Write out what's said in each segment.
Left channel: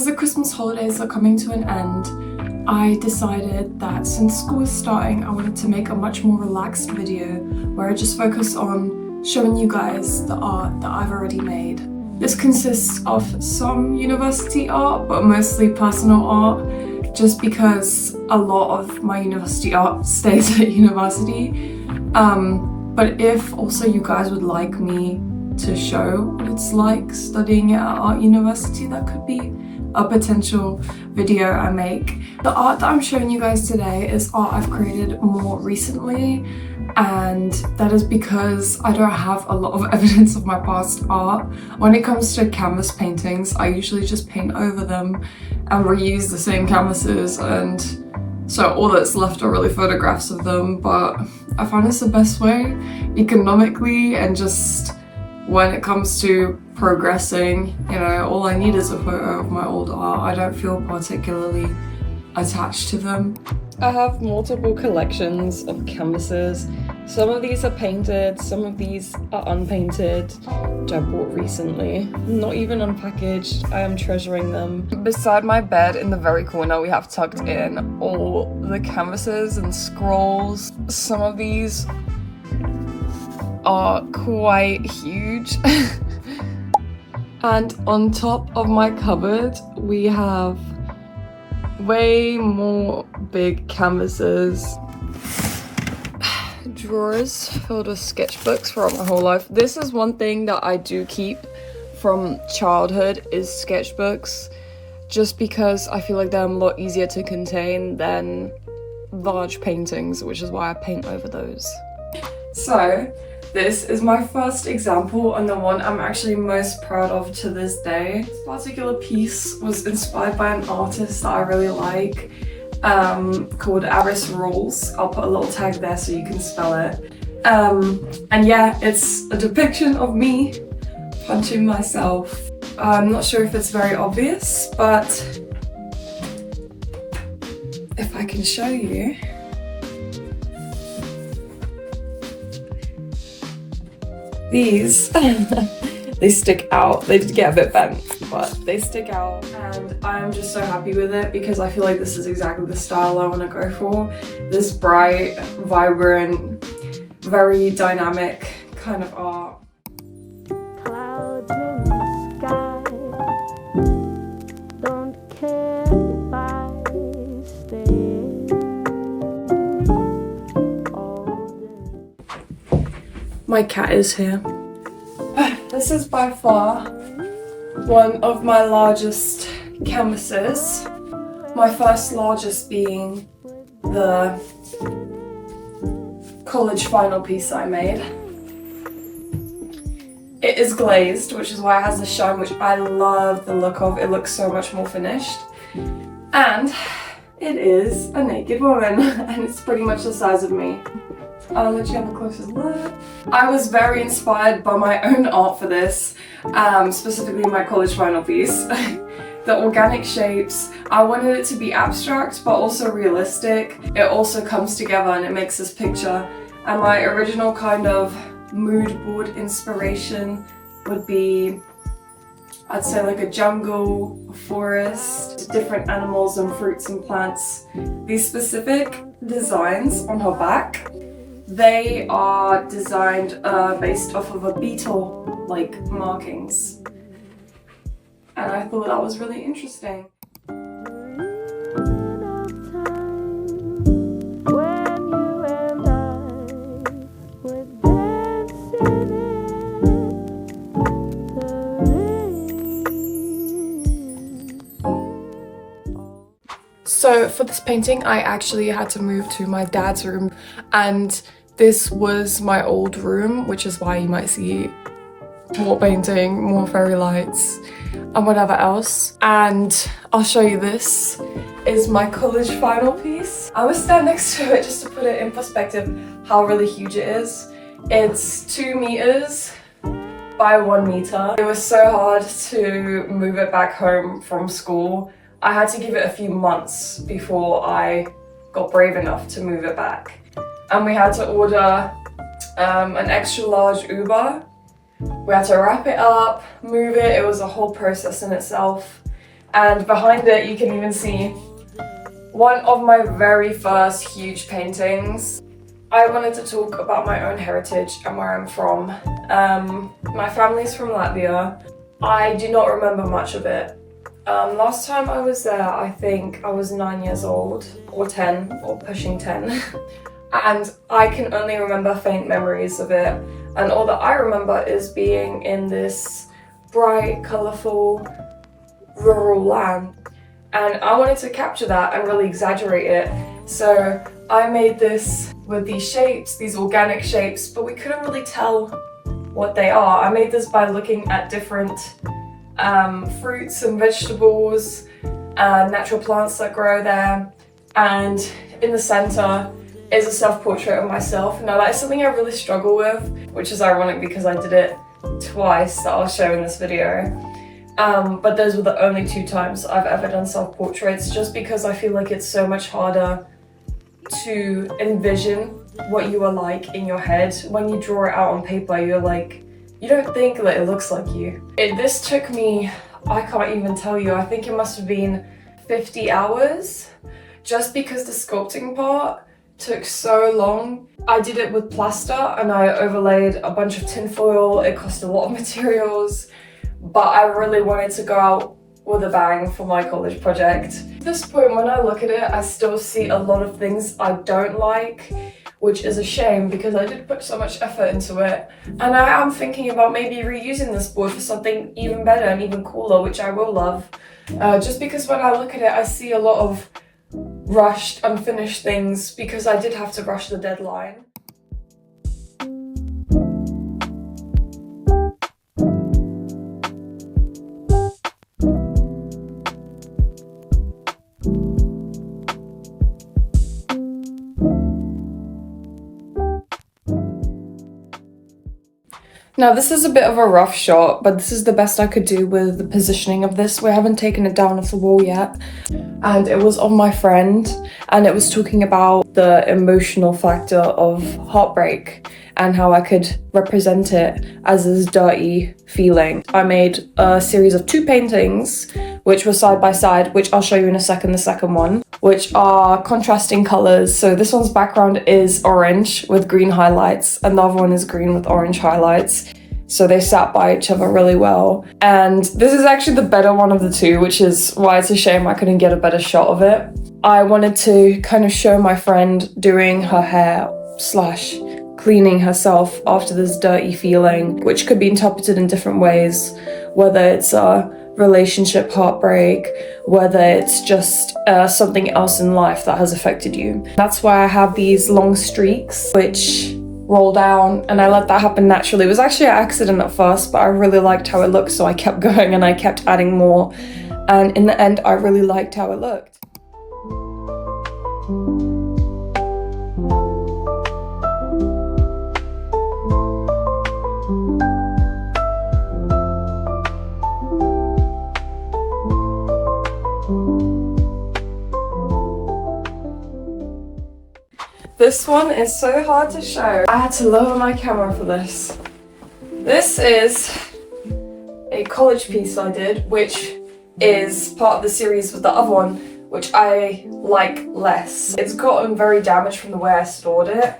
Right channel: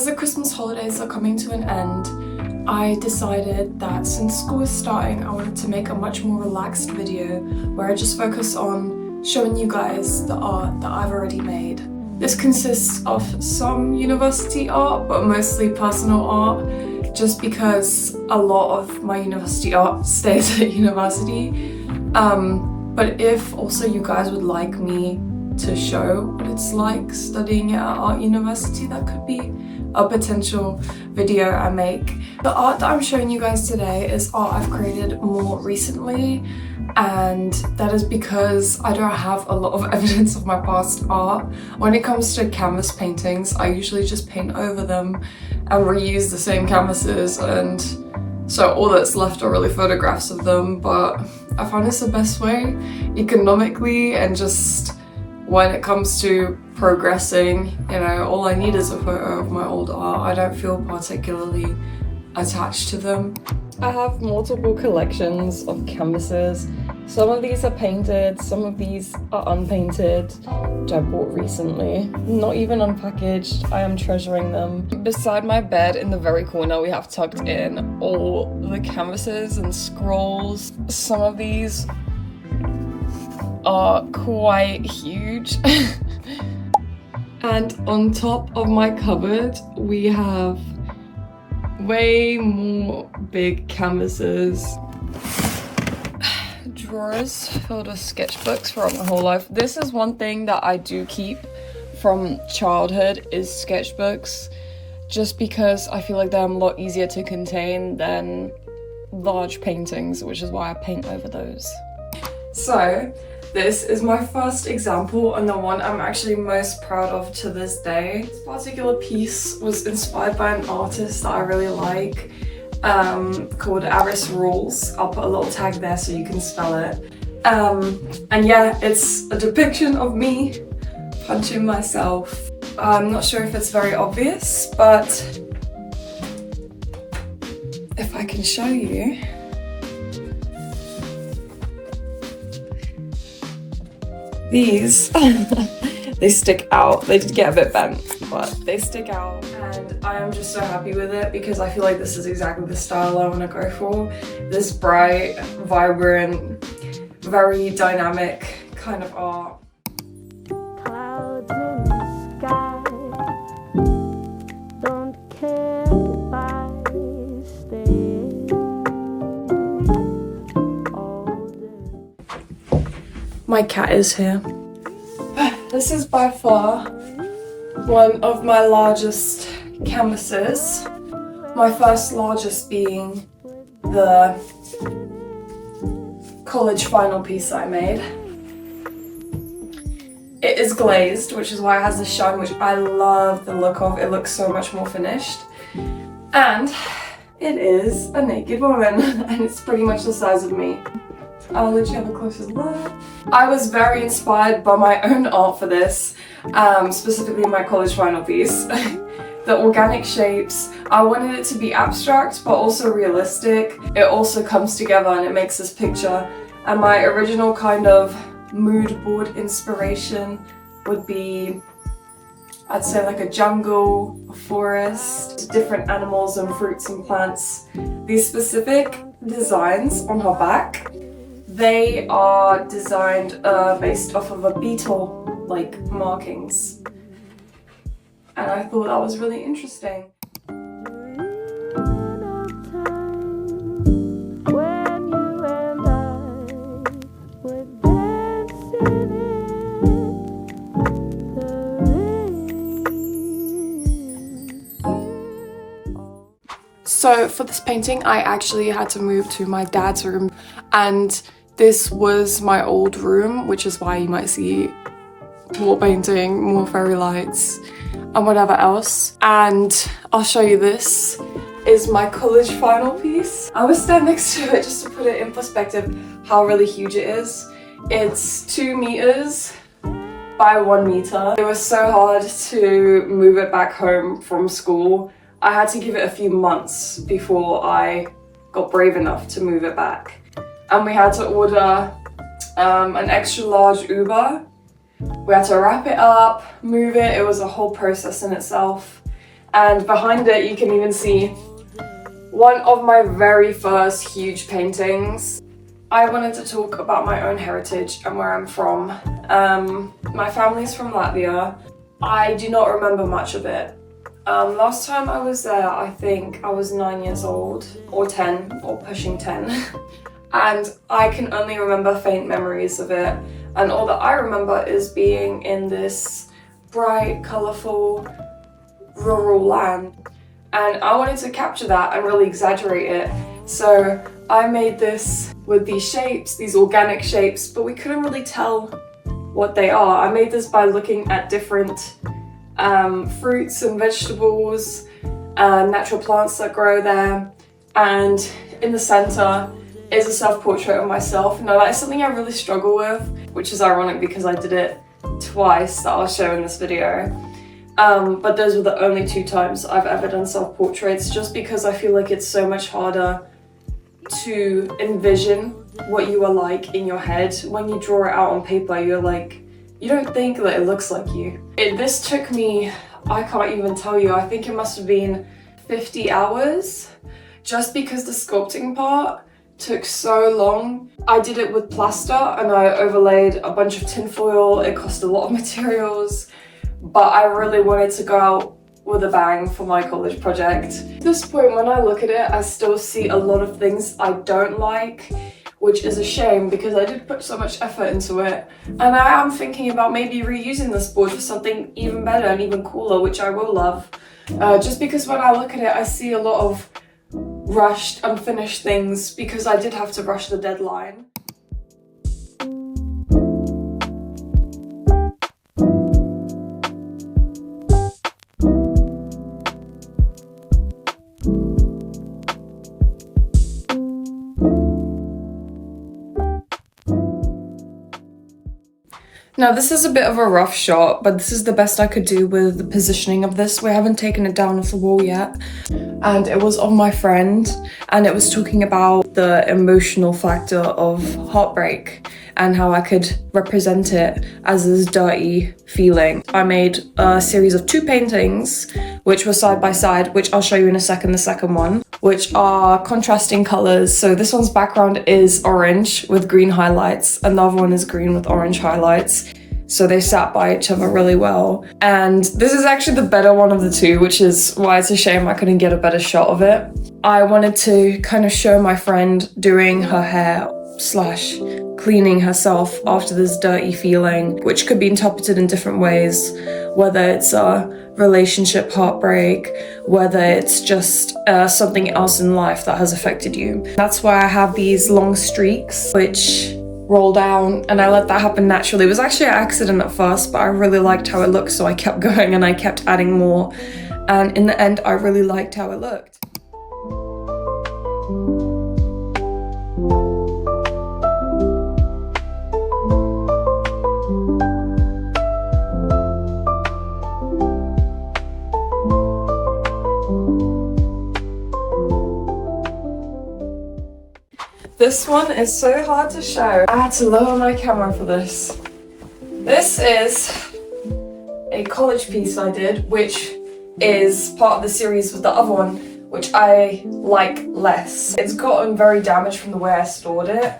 As the Christmas holidays are coming to an end, I decided that since school is starting, I wanted to make a much more relaxed video where I just focus on showing you guys the art that I've already made. This consists of some university art, but mostly personal art, just because a lot of my university art stays at university. But if also you guys would like me to show what it's like studying at art university, that could be a potential video I make. The art that I'm showing you guys today is art I've created more recently, and that is because I don't have a lot of evidence of my past art. When it comes to canvas paintings, I usually just paint over them and reuse the same canvases, and so all that's left are really photographs of them. But I find it's the best way economically, and just when it comes to progressing, you know, all I need is a photo of my old art. I don't feel particularly attached to them. I have multiple collections of canvases. Some of these are painted, some of these are unpainted, which I bought recently. Not even unpackaged, I am treasuring them. Beside my bed in the very corner, we have tucked in all the canvases and scrolls. Some of these are quite huge. And on top of my cupboard, we have way more big canvases. Drawers filled with sketchbooks throughout my whole life. This is one thing that I do keep from childhood, is sketchbooks, just because I feel like they're a lot easier to contain than large paintings, which is why I paint over those. So this is my first example, and the one I'm actually most proud of to this day. This particular piece was inspired by an artist that I really like, called Aris Rules. I'll put a little tag there so you can spell it. And yeah, it's a depiction of me punching myself. I'm not sure if it's very obvious, but if I can show you. These, they stick out. They did get a bit bent, but they stick out, and I'm just so happy with it because I feel like this is exactly the style I want to go for. This bright, vibrant, very dynamic kind of art. Clouds in the sky, don't care if I stay all day. My cat is here. This is by far one of my largest canvases. My first largest being the college final piece I made. It is glazed, which is why it has a shine, which I love the look of. It looks so much more finished. And it is a naked woman, and it's pretty much the size of me. I'll let you have a closer look. I was very inspired by my own art for this, specifically my college final piece. The organic shapes, I wanted it to be abstract but also realistic. It also comes together and it makes this picture. And my original kind of mood board inspiration would be, I'd say, like a jungle, a forest, different animals and fruits and plants. These specific designs on her back, they are designed based off of a beetle like markings, and I thought that was really interesting. So for this painting, I actually had to move to my dad's room, and this was my old room, which is why you might see more painting, more fairy lights, and whatever else. And I'll show you, this is my college final piece. I will stand next to it just to put it in perspective how really huge it is. It's 2 meters by 1 meter. It was so hard to move it back home from school. I had to give it a few months before I got brave enough to move it back. And we had to order an extra large Uber. We had to wrap it up, move it. It was a whole process in itself. And behind it you can even see one of my very first huge paintings. I wanted to talk about my own heritage and where I'm from. My family's from Latvia. I do not remember much of it. Last time I was there, I think I was 9 years old, or 10, or pushing 10. And I can only remember faint memories of it. And all that I remember is being in this bright, colourful, rural land. And I wanted to capture that and really exaggerate it. So I made this with these shapes, these organic shapes, but we couldn't really tell what they are. I made this by looking at different fruits and vegetables and natural plants that grow there. And in the center is a self-portrait of myself. Now that is something I really struggle with, which is ironic because I did it twice that I'll show in this video. But those were the only 2 times I've ever done self-portraits, just because I feel like it's so much harder to envision what you are like in your head. When you draw it out on paper, you're like, you don't think that it looks like you. This took me, I can't even tell you, I think it must have been 50 hours, just because the sculpting part took so long. I did it with plaster and I overlaid a bunch of tinfoil. It cost a lot of materials, but I really wanted to go out with a bang for my college project. At this point, when I look at it, I still see a lot of things I don't like, which is a shame because I did put so much effort into it. And I am thinking about maybe reusing this board for something even better and even cooler, which I will love. Just because when I look at it, I see a lot of rushed, unfinished things because I did have to rush the deadline. Now this is a bit of a rough shot, but this is the best I could do with the positioning of this. We haven't taken it down off the wall yet. And it was of my friend, and it was talking about the emotional factor of heartbreak and how I could represent it as this dirty feeling. I made a series of 2 paintings, which were side by side, which I'll show you in a second, the second one, which are contrasting colors. So this one's background is orange with green highlights, and the other one is green with orange highlights. So they sat by each other really well. And this is actually the better one of the 2, which is why it's a shame I couldn't get a better shot of it. I wanted to kind of show my friend doing her hair / cleaning herself after this dirty feeling, which could be interpreted in different ways, whether it's a relationship heartbreak, whether it's just something else in life that has affected you. That's why I have these long streaks which roll down, and I let that happen naturally. It was actually an accident at first, but I really liked how it looked, so I kept going and I kept adding more, and in the end I really liked how it looked. This one is so hard to show. I had to lower my camera for this. This is a college piece I did, which is part of the series with the other one, which I like less. It's gotten very damaged from the way I stored it.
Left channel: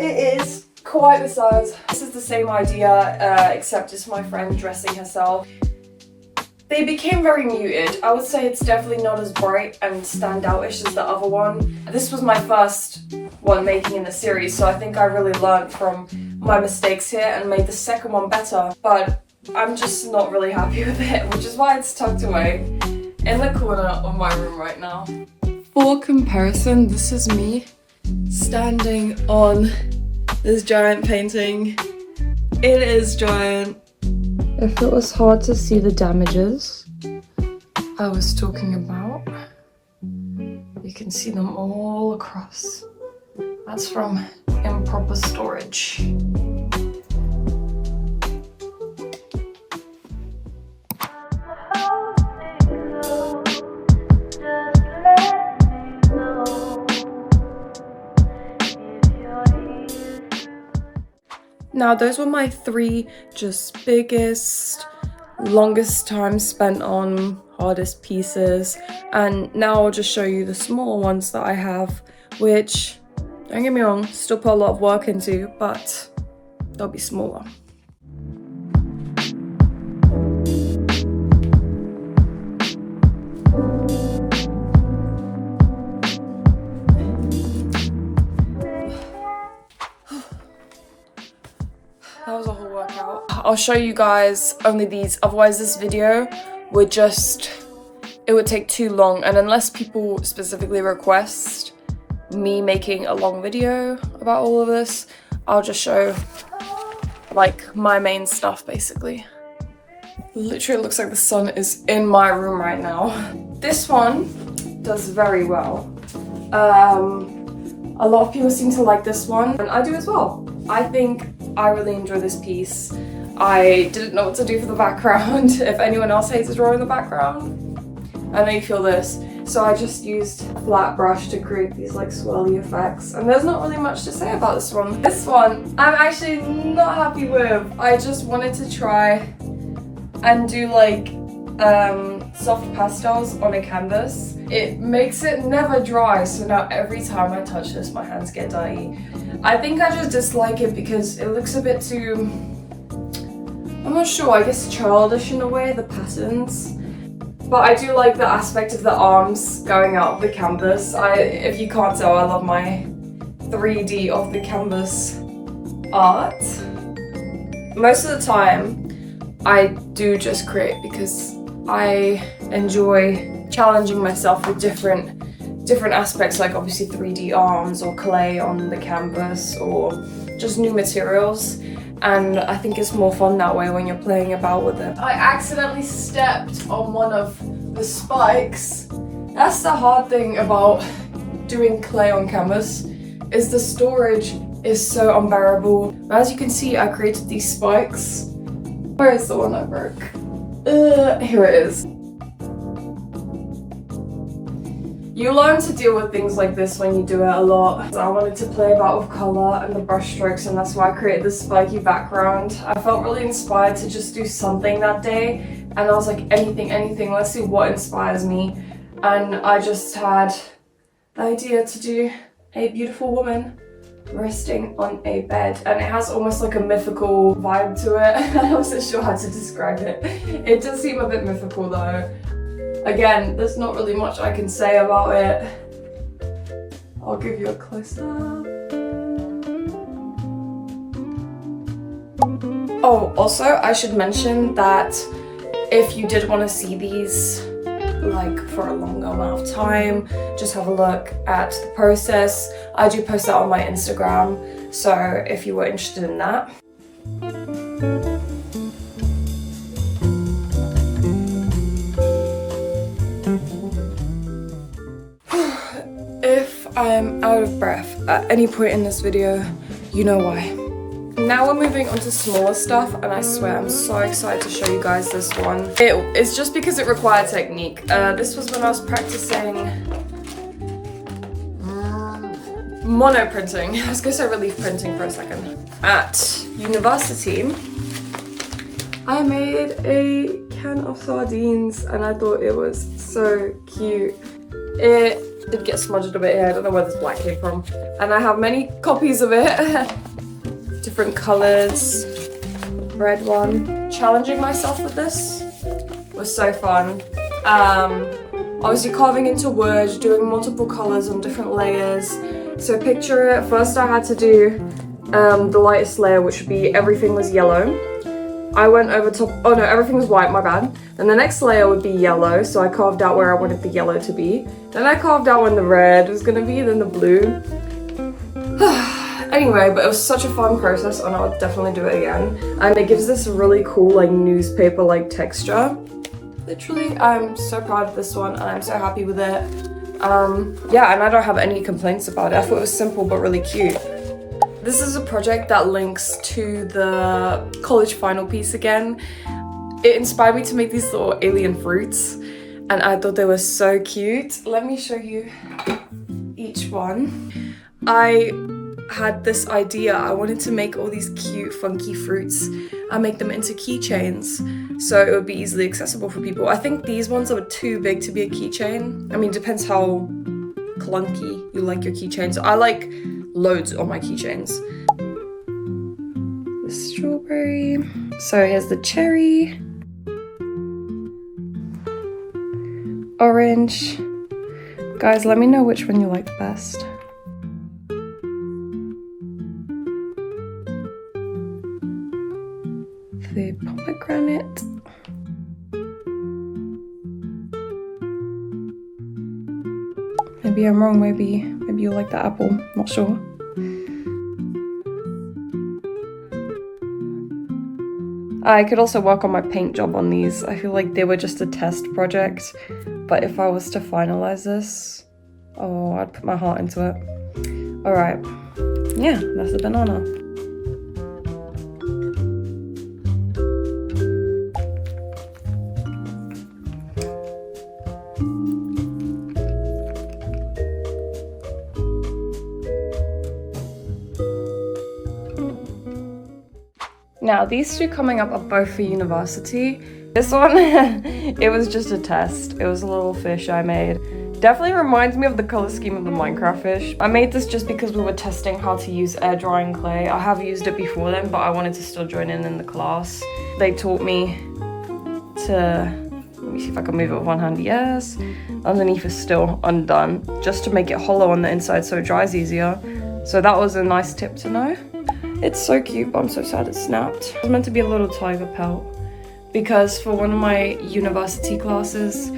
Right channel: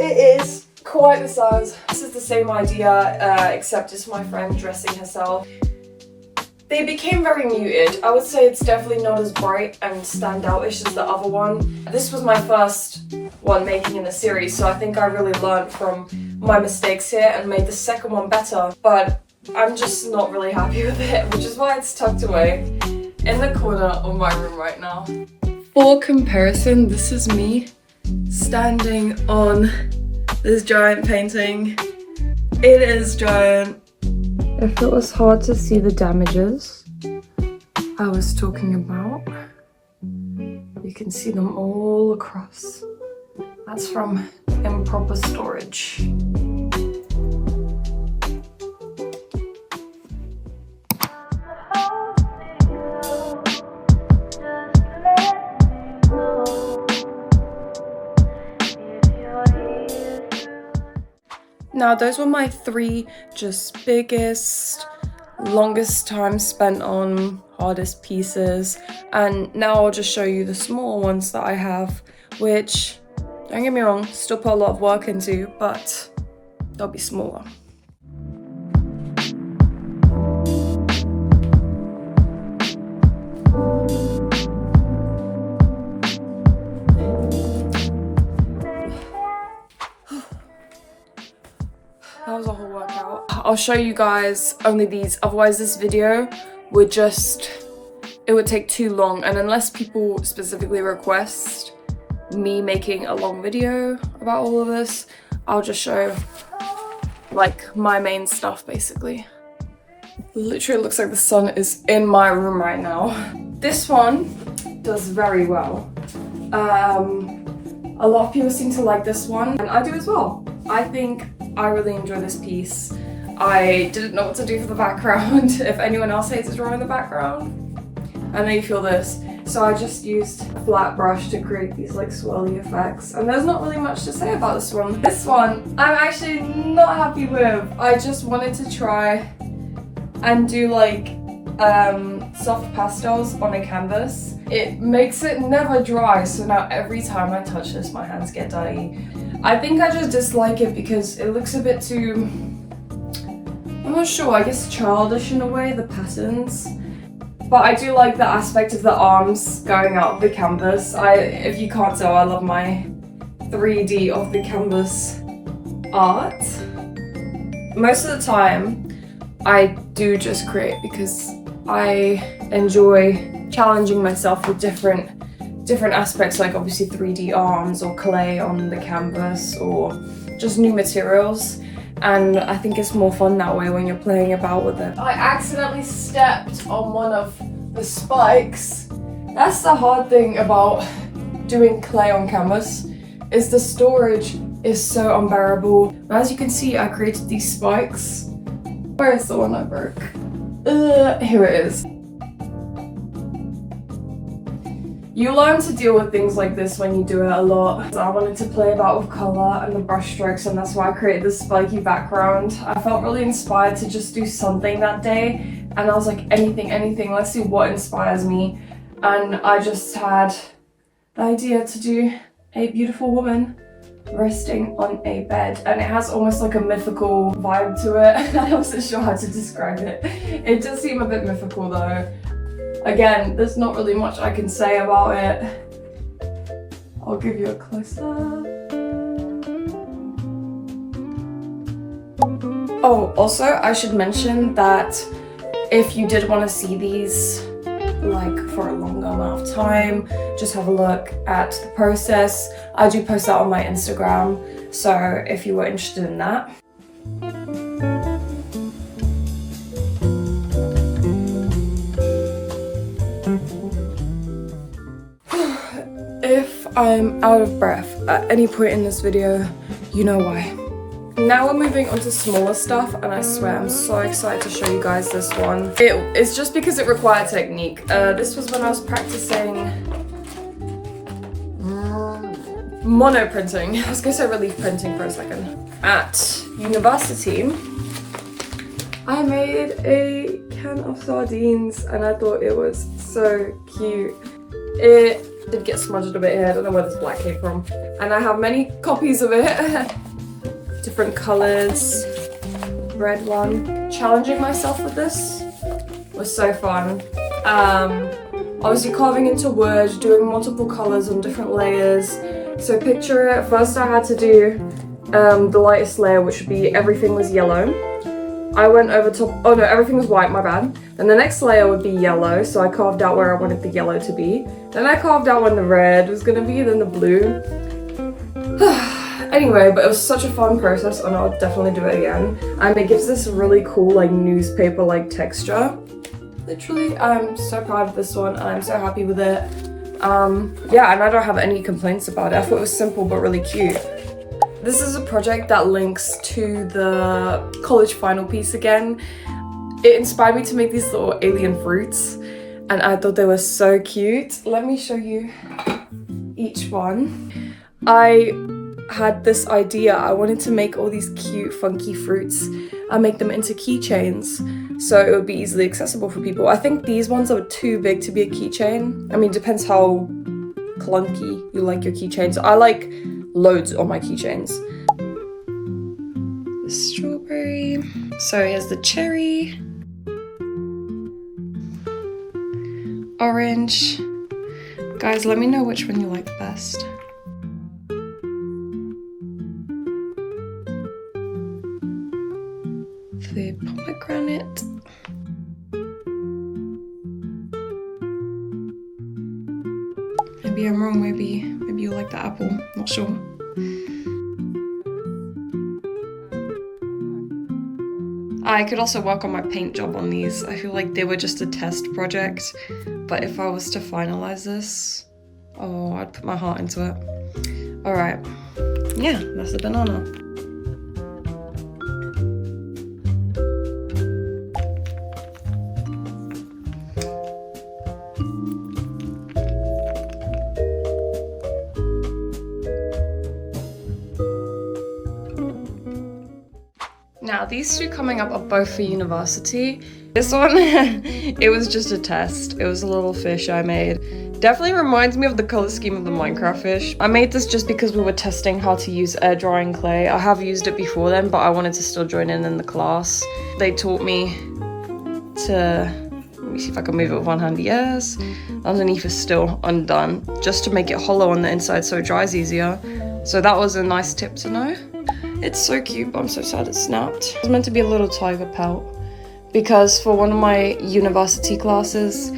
It is quite the size. This is the same idea, except it's my friend dressing herself. They became very muted. I would say it's definitely not as bright and standoutish as the other one. This was my first one making in the series, so I think I really learned from my mistakes here and made the second one better, but I'm just not really happy with it, which is why it's tucked away in the corner of my room right now. For comparison, this is me standing on this giant painting. It is giant. If it was hard to see the damages I was talking about, you can see them all across. That's from improper storage. Now those were my 3 just biggest longest time spent on, hardest pieces, and now I'll just show you the smaller ones that I have, which, don't get me wrong, still put a lot of work into, but they'll be smaller. That was a whole workout. I'll show you guys only these, otherwise this video would just, it would take too long, and unless people specifically request me making a long video about all of this, I'll just show like my main stuff basically. Literally looks like the sun is in my room right now. This one does very well. A lot of people seem to like this one, and I do as well. I think I really enjoy this piece. I didn't know what to do for the background. If anyone else hates a drawing in the background, I know you feel this. So I just used a flat brush to create these like swirly effects. And there's not really much to say about this one. This one, I'm actually not happy with. I just wanted to try and do like soft pastels on a canvas. It makes it never dry, so now every time I touch this, my hands get dirty. I think I just dislike it because it looks a bit too, I'm not sure, I guess childish in a way, the patterns. But I do like the aspect of the arms going out of the canvas. If you can't tell, I love my 3D of the canvas art. Most of the time, I do just create because I enjoy challenging myself with different aspects, like obviously 3D arms or clay on the canvas or just new materials. And I think it's more fun that way when you're playing about with it. I accidentally stepped on one of the spikes. That's the hard thing about doing clay on canvas, is the storage is so unbearable. As you can see, I created these spikes. Where is the one I broke? Here it is. You learn to deal with things like this when you do it a lot. So I wanted to play about with colour and the brush strokes, and that's why I created this spiky background. I felt really inspired to just do something that day, and I was like, anything, let's see what inspires me. And I just had the idea to do a beautiful woman resting on a bed, and it has almost like a mythical vibe to it. I wasn't sure how to describe it. It does seem a bit mythical though. Again, there's not really much I can say about it. I'll give you a close-up. Oh, also I should mention that if you did want to see these like for a longer amount of time, just have a look at the process. I do post that on my Instagram, so if you were interested in that. If I'm out of breath at any point in this video, you know why. Now we're moving on to smaller stuff, and I swear I'm so excited to show you guys this one. It's just because it required technique. This was when I was practicing mono printing. I was gonna say relief printing for a second. At university, I made a can of sardines, and I thought it was so cute. It did get smudged a bit here, I don't know where this black came from. And I have many copies of it. Different colours. Red one. Challenging myself with this was so fun. Obviously carving into wood, doing multiple colours on different layers. So picture it, first I had to do the lightest layer, which would be everything was yellow. I went over top, oh no, everything was white, my bad. Then the next layer would be yellow, so I carved out where I wanted the yellow to be. Then I carved out when the red was gonna be, then the blue. Anyway, but it was such a fun process, and I would definitely do it again. And it gives this really cool, like, newspaper-like texture. Literally, I'm so proud of this one, and I'm so happy with it. Yeah, and I don't have any complaints about it. I thought it was simple, but really cute. This is a project that links to the college final piece again. It inspired me to make these little alien fruits, and I thought they were so cute. Let me show you each one. I had this idea. I wanted to make all these cute, funky fruits and make them into keychains so it would be easily accessible for people. I think these ones are too big to be a keychain. I mean, depends how clunky you like your keychains. I like loads on my keychains. The strawberry. So here's the cherry. Orange. Guys, let me know which one you like best. The pomegranate. Maybe I'm wrong, maybe you like the apple, not sure. I could also work on my paint job on these. I feel like they were just a test project, but if I was to finalize this, oh, I'd put my heart into it. All right, yeah, that's the banana. Now, these two coming up are both for university. This one, it was just a test. It was a little fish I made. Definitely reminds me of the color scheme of the Minecraft fish. I made this just because we were testing how to use air drying clay. I have used it before then, but I wanted to still join in the class. They taught me to, let me see if I can move it with one hand, yes. Underneath is still undone, just to make it hollow on the inside so it dries easier. So that was a nice tip to know. It's so cute, but I'm so sad it snapped. It was meant to be a little tiger pelt because for one of my university classes,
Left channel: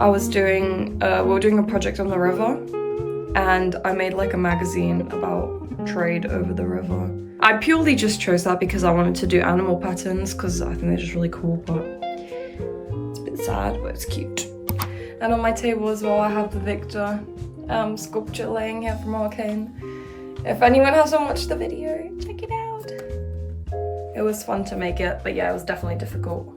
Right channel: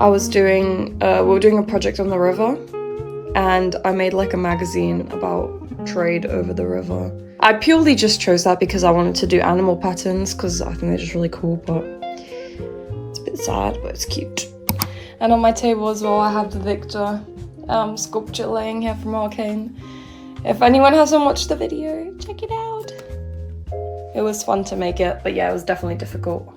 I was doing, we were doing a project on the river and I made like a magazine about trade over the river. I purely just chose that because I wanted to do animal patterns because I think they're just really cool, but it's a bit sad, but it's cute. And on my table as well, I have the Victor sculpture laying here from Arcane. If anyone hasn't watched the video, check it out. It was fun to make it, but yeah, it was definitely difficult.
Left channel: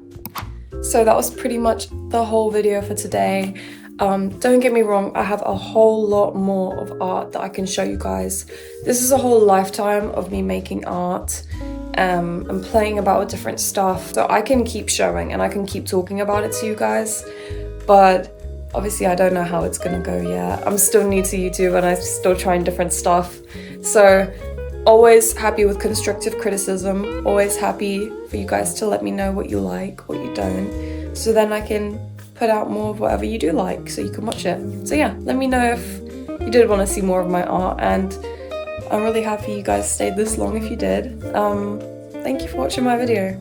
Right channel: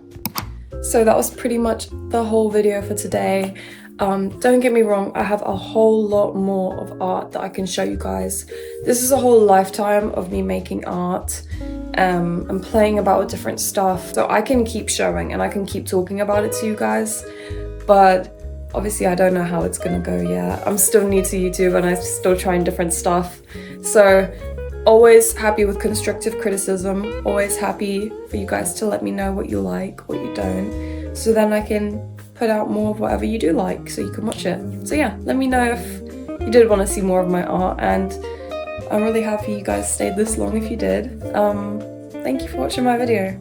So that was pretty much the whole video for today. Don't get me wrong, I have a whole lot more of art that I can show you guys. This is a whole lifetime of me making art and playing about with different stuff. So I can keep showing and I can keep talking about it to you guys, but obviously I don't know how it's gonna go yet. I'm still new to YouTube and I'm still trying different stuff. So always happy with constructive criticism, always happy for you guys to let me know what you like, what you don't, so then I can put out more of whatever you do like so you can watch it. So yeah, let me know if you did want to see more of my art, and I'm really happy you guys stayed this long if you did. Thank you for watching my video.